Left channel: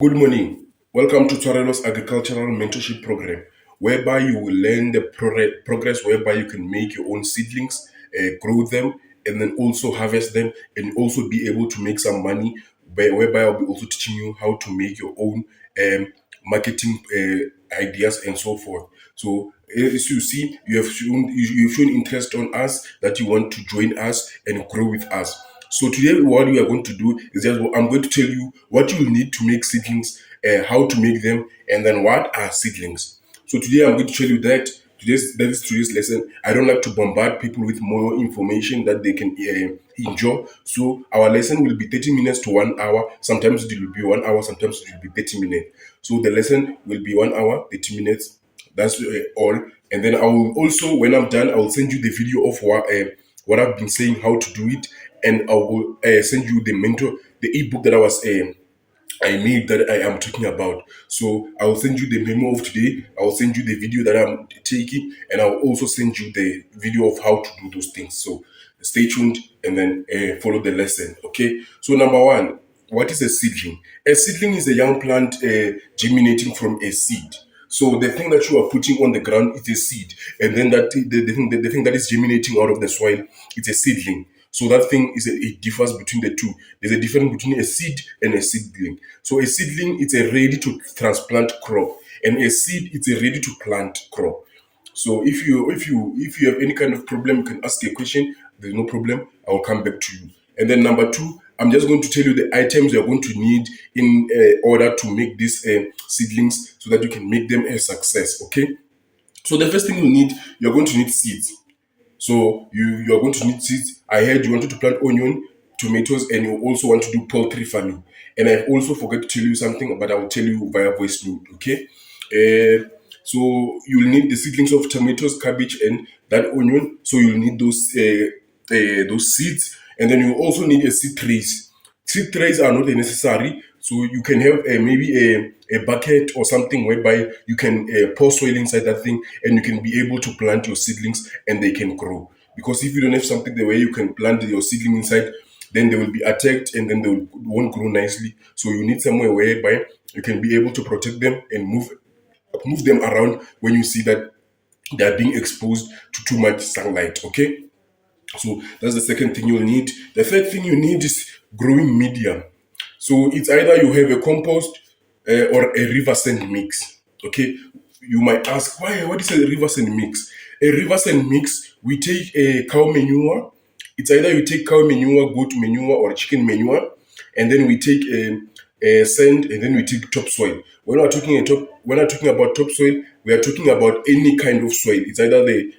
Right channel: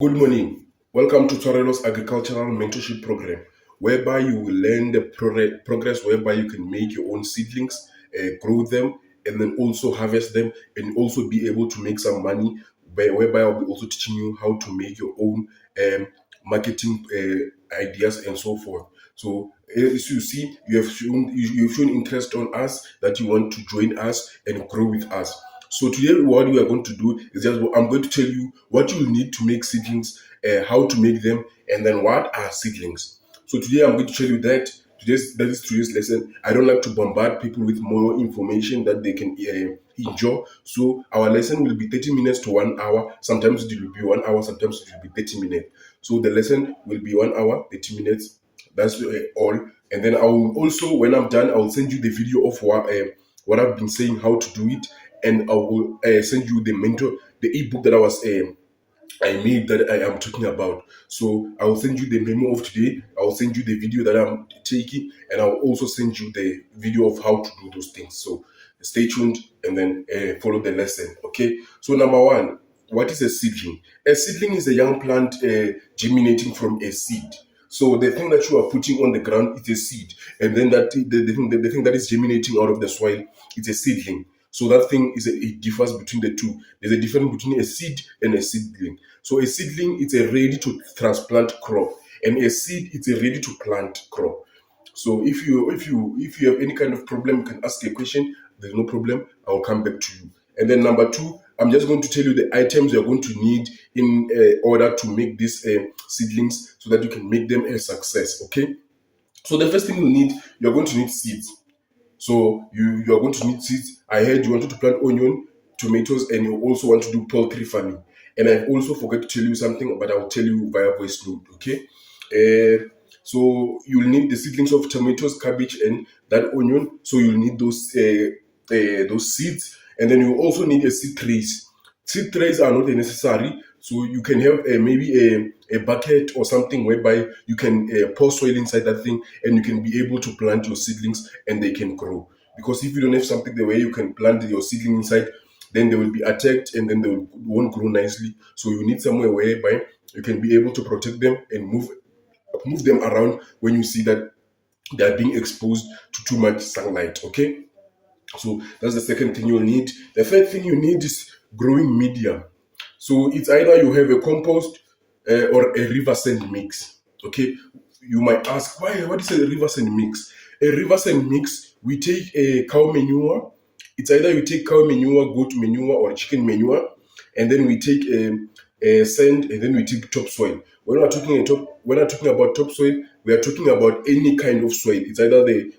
Good morning. Welcome to Torero's Agricultural Mentorship Program, whereby you will learn the progress whereby you can make your own seedlings, grow them, and then also harvest them, and also be able to make some money. Whereby I'll be also teaching you how to make your own marketing ideas and so forth. So as you see, you've shown interest on us that you want to join us and grow with us. So today, what we are going to do is just I'm going to tell you what you will need to make seedlings, how to make them, and then what are seedlings. So today, I'm going to tell you that that is today's lesson. I don't like to bombard people with more information that they can enjoy. So our lesson will be 30 minutes to 1 hour. Sometimes it will be 1 hour. Sometimes it will be 30 minutes. So the lesson will be 1 hour, 30 minutes. That's all. And then I will also, when I'm done, I will send you the video of what I've been saying, how to do it, and I will send you the ebook that I made that I am talking about. So I will send you the memo of today. I will send you the video that I'm taking, and I will also send you the video of how to do those things. So stay tuned and then follow the lesson. Okay. So number one, what is a seedling? A seedling is a young plant germinating from a seed. So the thing that you are putting on the ground is a seed, and then the thing that is germinating out of the soil, it's a seedling. So that thing it differs between the two. There's a difference between a seed and a seedling. So a seedling it's a ready to transplant crop, and a seed it's a ready to plant crop. So if you have any kind of problem, you can ask a question. There's no problem. I will come back to you. And then number two, I'm just going to tell you the items you're going to need in order to make these seedlings so that you can make them a success. Okay. So the first thing you're going to need seeds. So you're going to need seeds. I heard you wanted to plant onion, tomatoes, and you also want to do poultry farming. And I also forgot to tell you something, but I will tell you via voice note. Okay. So you'll need the seedlings of tomatoes, cabbage, and that onion. So you'll need those seeds, and then you also need a seed trays. Seed trays are not necessary, so you can have maybe a bucket or something whereby you can pour soil inside that thing, and you can be able to plant your seedlings and they can grow. Because if you don't have something the way you can plant your seedling inside, then they will be attacked and then won't grow nicely. So you need somewhere whereby you can be able to protect them and move them around when you see that they are being exposed to too much sunlight. Okay. So that's the second thing you'll need. The third thing you need is growing medium. So it's either you have a compost or a river sand mix. Okay. You might ask, why? What is a river sand mix? A river sand mix, we take a cow manure. It's either you take cow manure, goat manure, or chicken manure, and then we take a sand, and then we take topsoil. When we're talking about topsoil, we are talking about any kind of soil. It's either the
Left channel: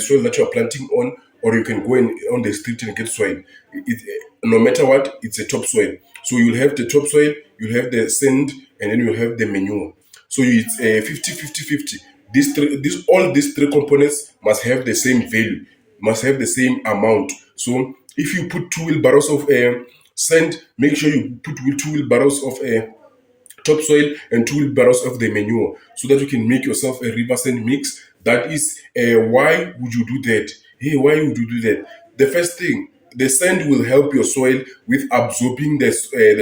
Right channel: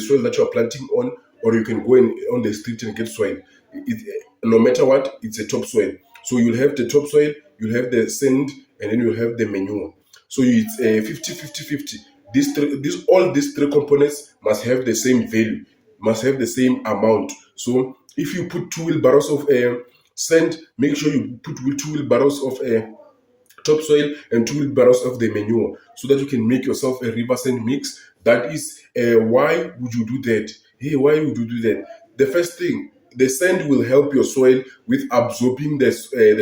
soil that you are planting on, or you can go on the street and get soil. No matter what, it's a topsoil. So you'll have the topsoil, you'll have the sand, and then you'll have the manure. So it's 50-50-50. All these three components must have the same value, must have the same amount. So if you put 2 wheelbarrows of sand, make sure you put 2 wheelbarrows of topsoil and 2 wheelbarrows of the manure so that you can make yourself a river sand mix. That is why would you do that? Hey, why would you do that? The first thing, the sand will help your soil with absorbing the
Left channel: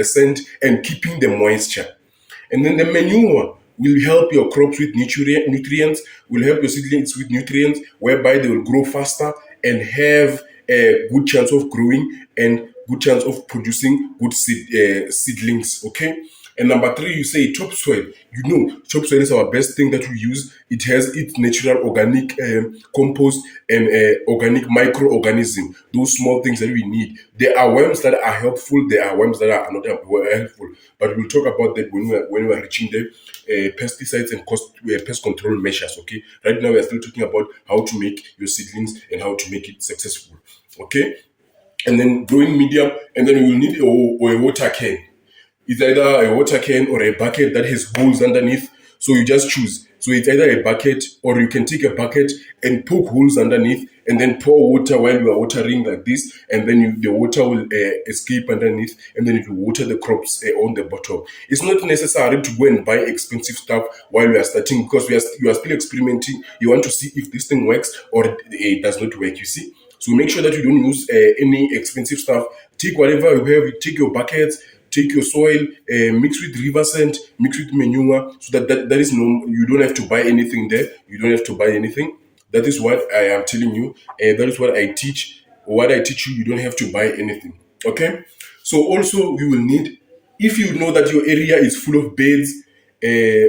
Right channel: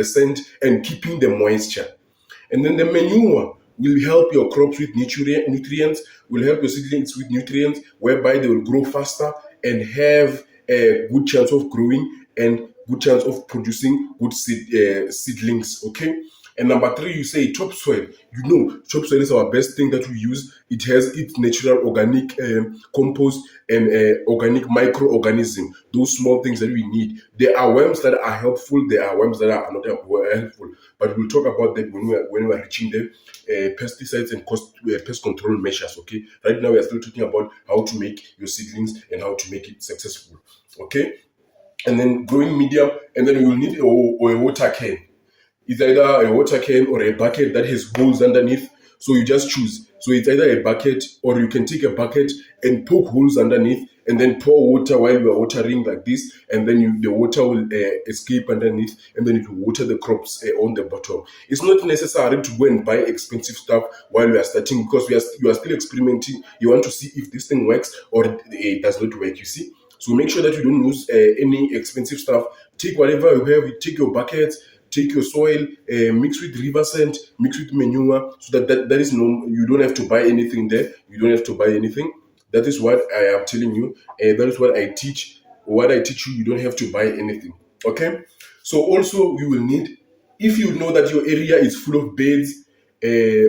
sand and keeping the moisture. And then the manure will help your crops with nutrients, will help your seedlings with nutrients, whereby they will grow faster and have a good chance of growing and good chance of producing good seedlings. Okay. And number three, you say topsoil. You know, topsoil is our best thing that we use. It has its natural organic compost and organic microorganism. Those small things that we need. There are worms that are helpful. There are worms that are not helpful. But we'll talk about that when we are reaching the pesticides and pest control measures. Okay. Right now we are still talking about how to make your seedlings and how to make it successful. Okay. And then growing medium, and then you will need a water can. It's either a water can or a bucket that has holes underneath. So you just choose. So it's either a bucket, or you can take a bucket and poke holes underneath and then pour water while you are watering like this. And then the water will escape underneath, and then it will water the crops on the bottom. It's not necessary to go and buy expensive stuff while you are starting, because you are still experimenting. You want to see if this thing works or it does not work, you see. So make sure that you don't use any expensive stuff. Take whatever you have, take your buckets, take your soil, mix with river sand, mix with manure, so that is no, you don't have to buy anything there. You don't have to buy anything. That is what I am telling you. That is what I teach. What I teach you, you don't have to buy anything. Okay. So also you will need, if you know that your area is full of birds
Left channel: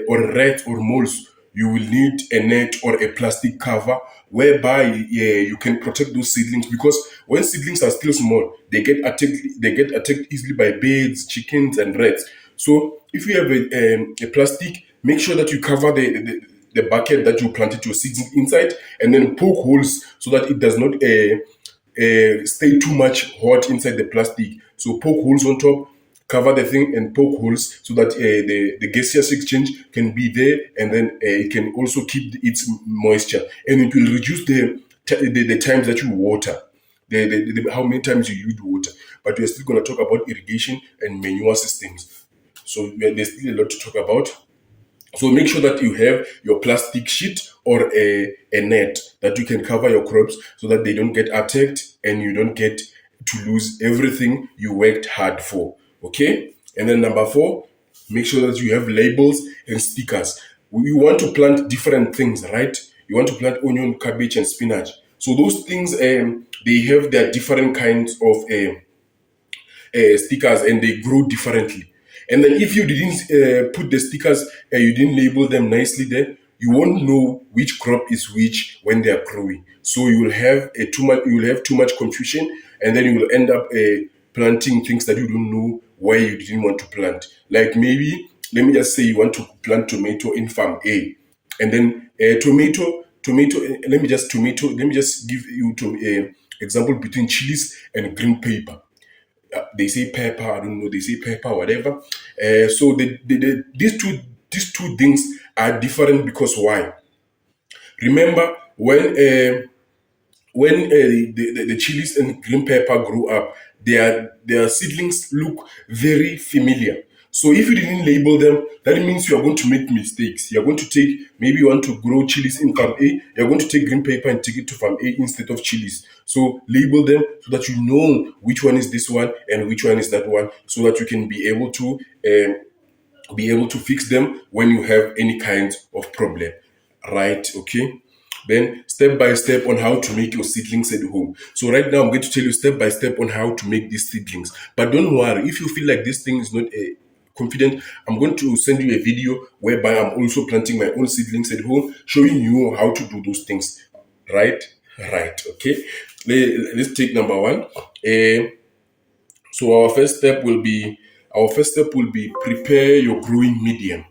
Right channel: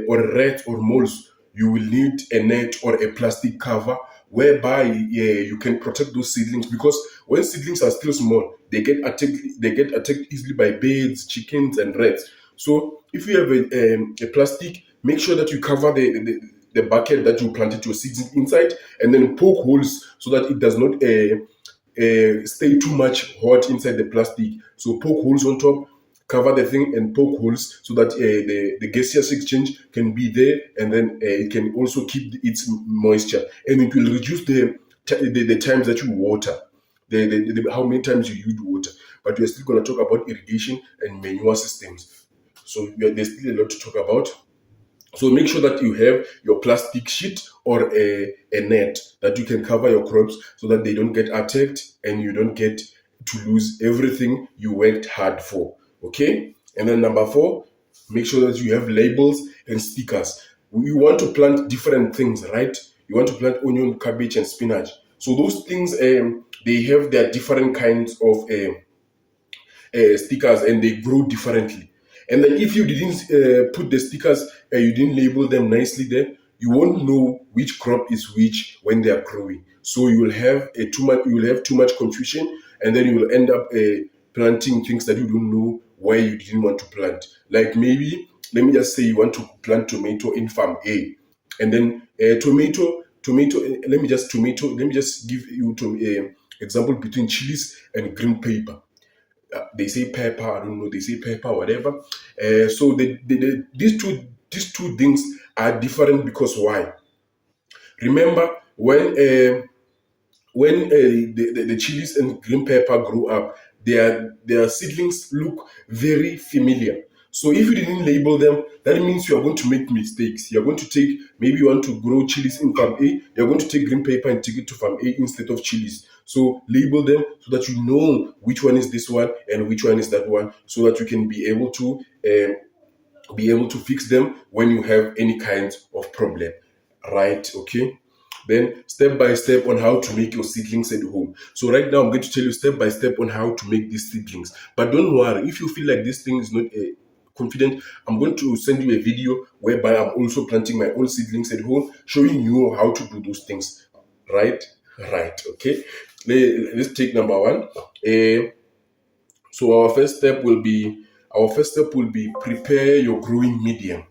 or rats or moles, you will need a net or a plastic cover whereby you can protect those seedlings, because when seedlings are still small, they get attacked easily by birds, chickens, and rats. So if you have a plastic, make sure that you cover the bucket that you planted your seeds inside, and then poke holes so that it does not stay too much hot inside the plastic. So poke holes on top, cover the thing and poke holes so that the gaseous exchange can be there, and then it can also keep its moisture, and it will reduce the times that you water, how many times you use water. But we're still going to talk about irrigation and manure systems. So there's still a lot to talk about. So make sure that you have your plastic sheet or a net that you can cover your crops so that they don't get attacked and you don't get to lose everything you worked hard for. Okay? And then number 4, make sure that you have labels and stickers. You want to plant different things, right? You want to plant onion, cabbage, and spinach. So those things, they have their different kinds of stickers, and they grow differently. And then if you didn't put the stickers, you didn't label them nicely there, you won't know which crop is which when they are growing. So you will have too much confusion, and then you will end up planting things that you don't know why you didn't want to plant. Like maybe, let me just say you want to plant tomato in farm A, and then tomato. Let me just give you to example between chilies and green pepper. They say pepper, I don't know, they say pepper, whatever. So these two things are different, because why? Remember when the chilies and green pepper grow up, their seedlings look very familiar. So if you didn't label them, that means you are going to make mistakes. You are going to take, maybe you want to grow chilies in farm A, you're going to take green pepper and take it to farm A instead of chilies. So label them so that you know which one is this one and which one is that one, so that you can be able to fix them when you have any kind of problem, right? Okay. Then step by step on how to make your seedlings at home. So right now I'm going to tell you step by step on how to make these seedlings. But don't worry, if you feel like this thing is not confident, I'm going to send you a video whereby I'm also planting my own seedlings at home, showing you how to do those things. Right? Right. Okay. Let's take number 1. So our first step will be prepare your growing medium.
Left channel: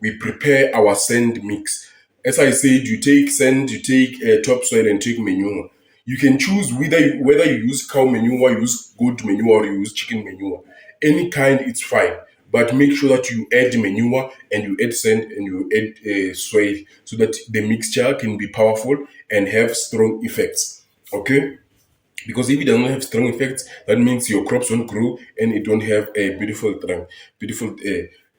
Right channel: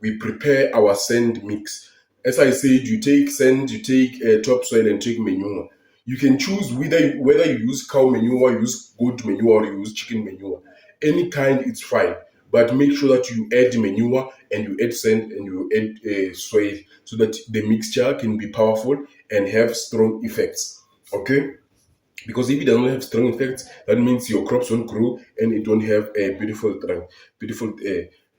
We prepare our sand mix. As I said, you take sand, you take topsoil, and take manure. You can choose whether you use cow manure, you use goat manure, or you use chicken manure. Any kind, it's fine. But make sure that you add manure and you add sand and you add soil, so that the mixture can be powerful and have strong effects. Okay? Because if it does not have strong effects, that means your crops won't grow and it won't have a beautiful.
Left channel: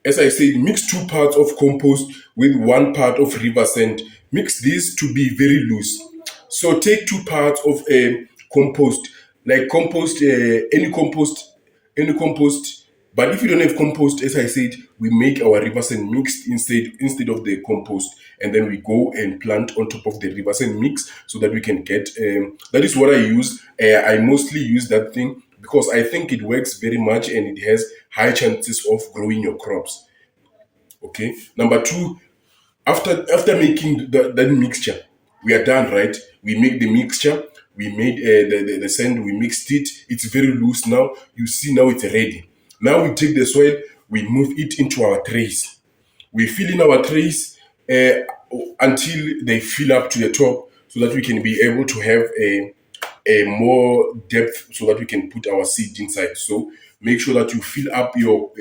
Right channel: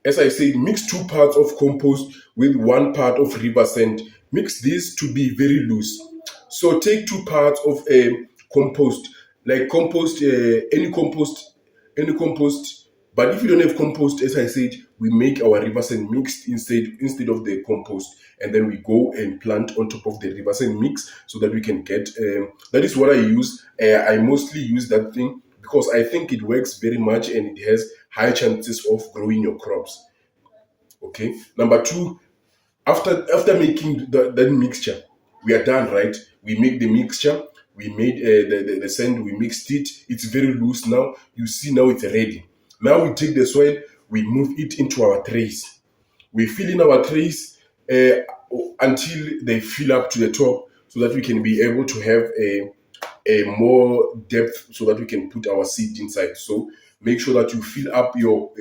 As I said, mix 2 parts of compost with 1 part of river sand. Mix these to be very loose. So take 2 parts of compost, like any compost. But if you don't have compost, as I said, we make our river sand mixed instead of the compost, and then we go and plant on top of the river sand mix so that we can get. That is what I use. I mostly use that thing because I think it works very much and it has high chances of growing your crops. Okay. Number 2, after making that mixture, we are done, right? We make the mixture, we made the sand, we mixed it, it's very loose now. You see, now it's ready. Now we take the soil, we move it into our trays. We fill in our trays until they fill up to the top, so that we can be able to have a more depth, so that we can put our seed inside. So make sure that you fill up your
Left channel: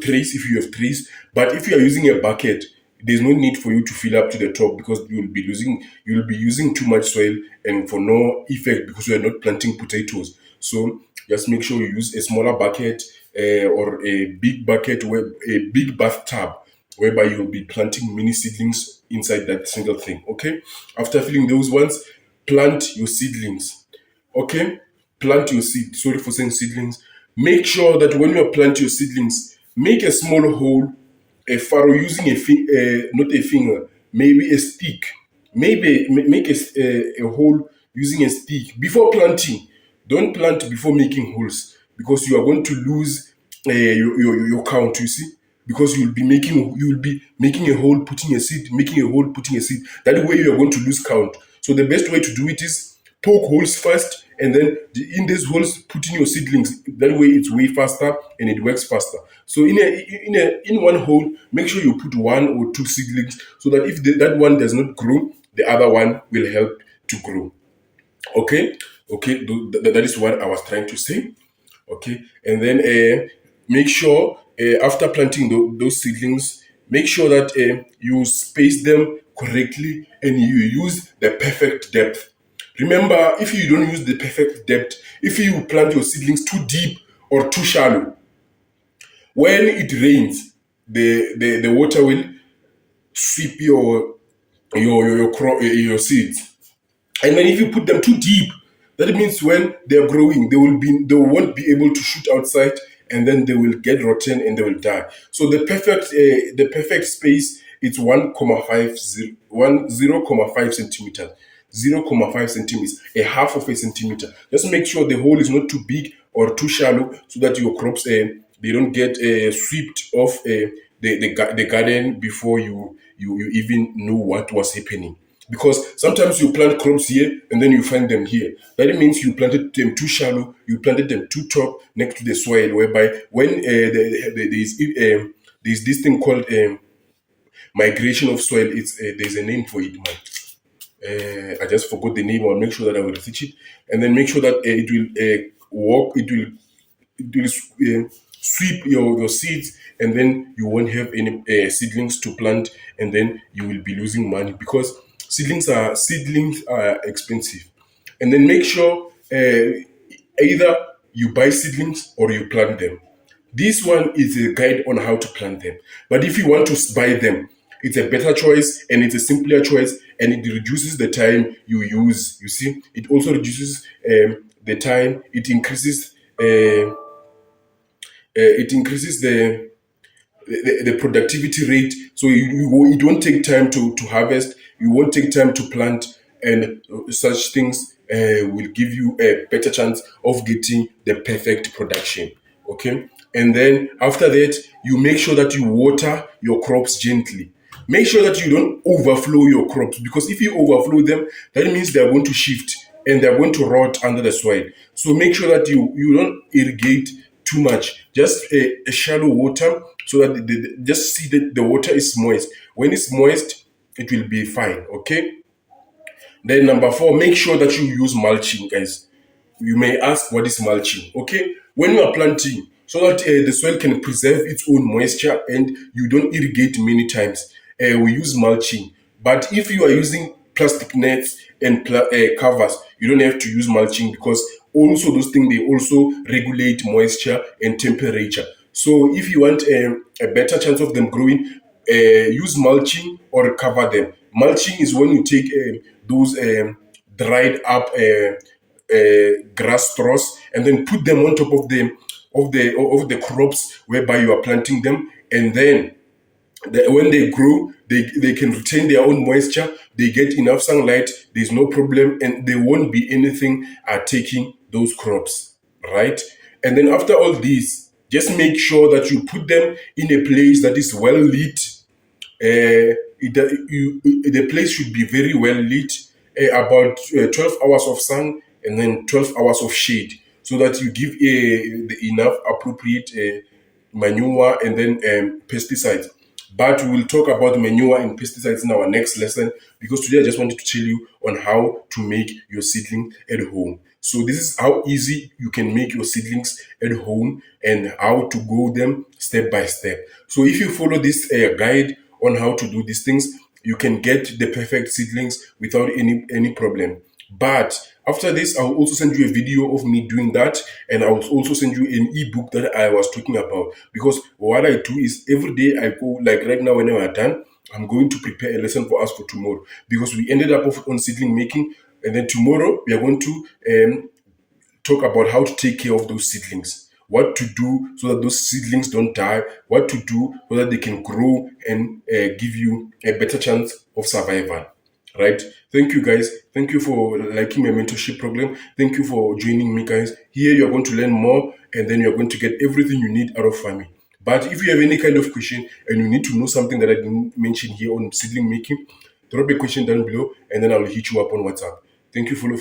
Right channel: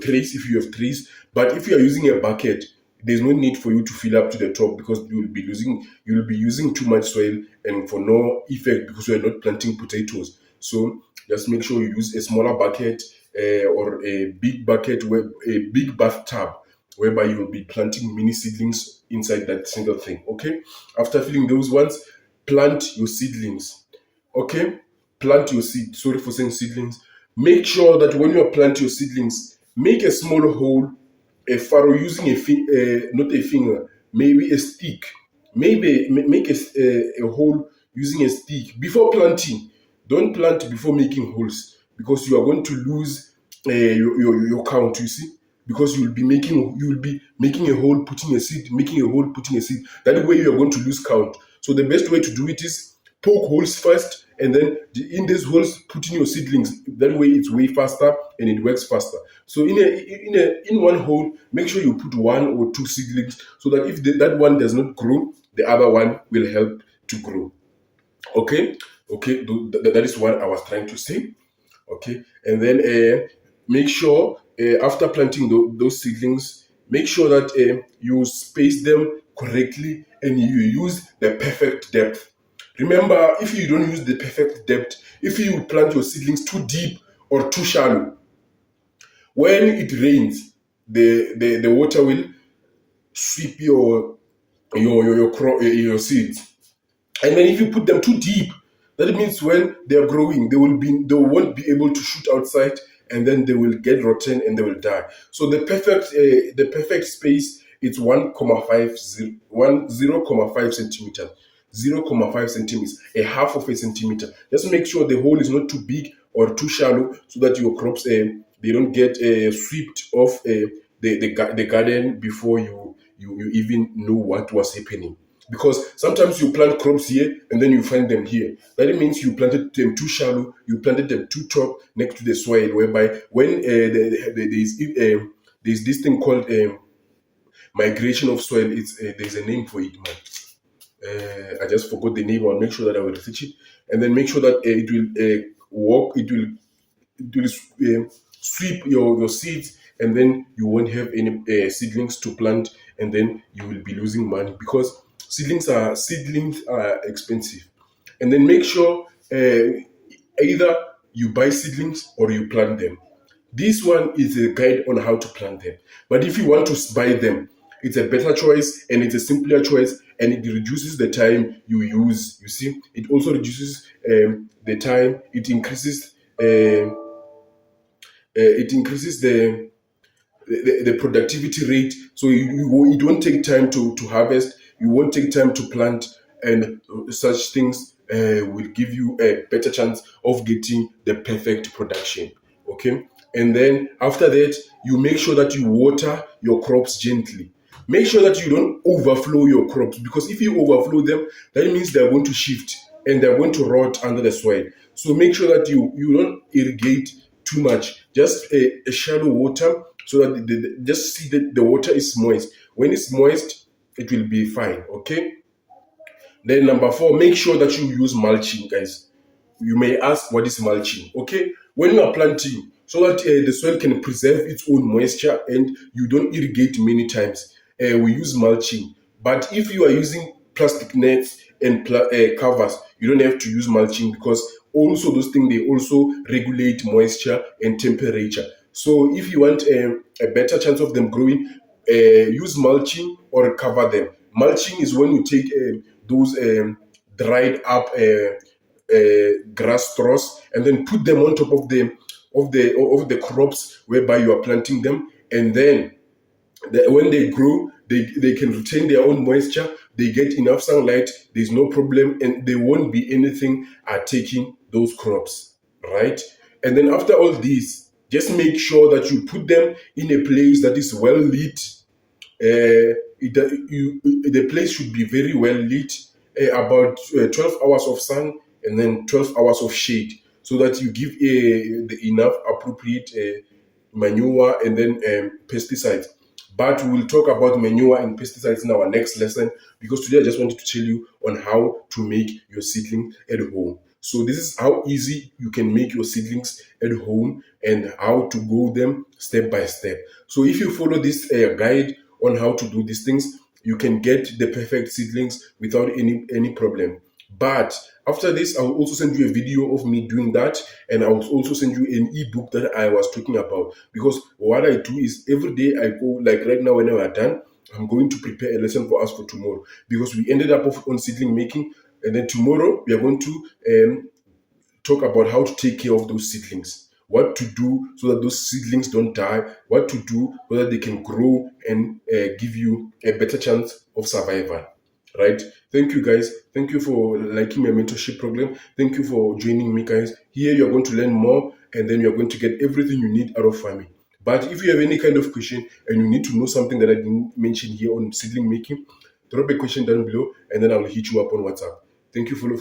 trays if you have trays. But if you are using a bucket, there's no need for you to fill up to the top, because you will be using too much soil and for no effect, because you are not planting potatoes. So just make sure you use a smaller bucket or a big bucket, where a big bathtub, whereby you'll be planting mini seedlings inside that single thing. Okay. After filling those ones, plant your seedlings. Okay. plant your seed, sorry for saying seedlings, make sure that when you plant your seedlings, make a small hole, a furrow using not a finger, maybe a stick. Maybe make a hole using a stick before planting. Don't plant before making holes because you are going to lose your count. You see, because you'll be making a hole, putting a seed, making a hole, putting a seed. That way you are going to lose count. So the best way to do it is poke holes first, and then in these holes put in your seedlings. That way it's way faster and it works faster. So in one hole, make sure you put one or two seedlings, so that if that one does not grow, the other one will help to grow. Okay, okay, that is what I was trying to say. Okay, and then make sure after planting those seedlings, make sure that you space them correctly and you use the perfect depth. Remember, if you don't use the perfect depth, if you plant your seedlings too deep or too shallow, when it rains, the water will sweep your seeds. And then if you put them too deep, that means when they are growing, they won't be able to shoot outside, and then they will get rotten and they will die. So the perfect space is 0.5 centimeters. 0.5 centimeters, a half of a centimeter. Just make sure the hole is not too big or too shallow, so that your crops they don't get swept off the garden before you even know what was happening. Because sometimes you plant crops here and then you find them here. That means you planted them too shallow, you planted them too top next to the soil, whereby when there's this thing called migration of soil. There's a name for it, man. I just forgot the name. I'll make sure that I will research it, and then make sure that it will work. It will sweep your seeds, and then you won't have any seedlings to plant, and then you will be losing money because seedlings are expensive. And then make sure either you buy seedlings or you plant them. This one is a guide on how to plant them. But if you want to buy them, it's a better choice and it's a simpler choice, and it reduces the time you use. You see, it also reduces the time. It increases the productivity rate. So it won't take time to harvest. You won't take time to plant, and such things will give you a better chance of getting the perfect production. Okay, and then after that, you make sure that you water your crops gently. Make sure that you don't overflow your crops, because if you overflow them, that means they are going to shift and they are going to rot under the soil. So make sure that you don't irrigate too much, just a shallow water, so that just see that the water is moist. When it's moist, it will be fine. Okay. Then number four, make sure that you use mulching, guys. You may ask, what is mulching? Okay, when you are planting, so that the soil can preserve its own moisture and you don't irrigate many times, we use mulching. But if you are using plastic nets and covers, you don't have to use mulching, because also those things, they also regulate moisture and temperature. So if you want a better chance of them growing, use mulching or cover them. Mulching is when you take those dried up grass straws, and then put them on top of the crops whereby you are planting them, and then when they grow, they can retain their own moisture. They get enough sunlight. There's no problem, and there won't be anything taking those crops, right? And then after all this, just make sure that you put them in a place that is well lit. The place should be very well lit, about 12 hours of sun and then 12 hours of shade, so that you give enough appropriate manure and then pesticides. But we will talk about manure and pesticides in our next lesson, because today I just wanted to tell you on how to make your seedling at home. So this is how easy you can make your seedlings at home, and how to grow them step by step. So if you follow this guide on how to do these things, you can get the perfect seedlings without any problem. But after this, I'll also send you a video of me doing that, and I'll also send you an ebook that I was talking about. Because what I do is, every day I go, like right now when I'm done, I'm going to prepare a lesson for us for tomorrow, because we ended up on seedling making, and then tomorrow we are going to talk about how to take care of those seedlings, what to do so that those seedlings don't die, what to do so that they can grow and give you a better chance of survival. Right? Thank you, guys. Thank you for liking my mentorship program. Thank you for joining me, guys. Here you're going to learn more, and then you're going to get everything you need out of farming. But if you have any kind of question and you need to know something that I didn't mention here on seedling making, drop a question down below, and then I'll hit you up on WhatsApp. Thank you. Follow.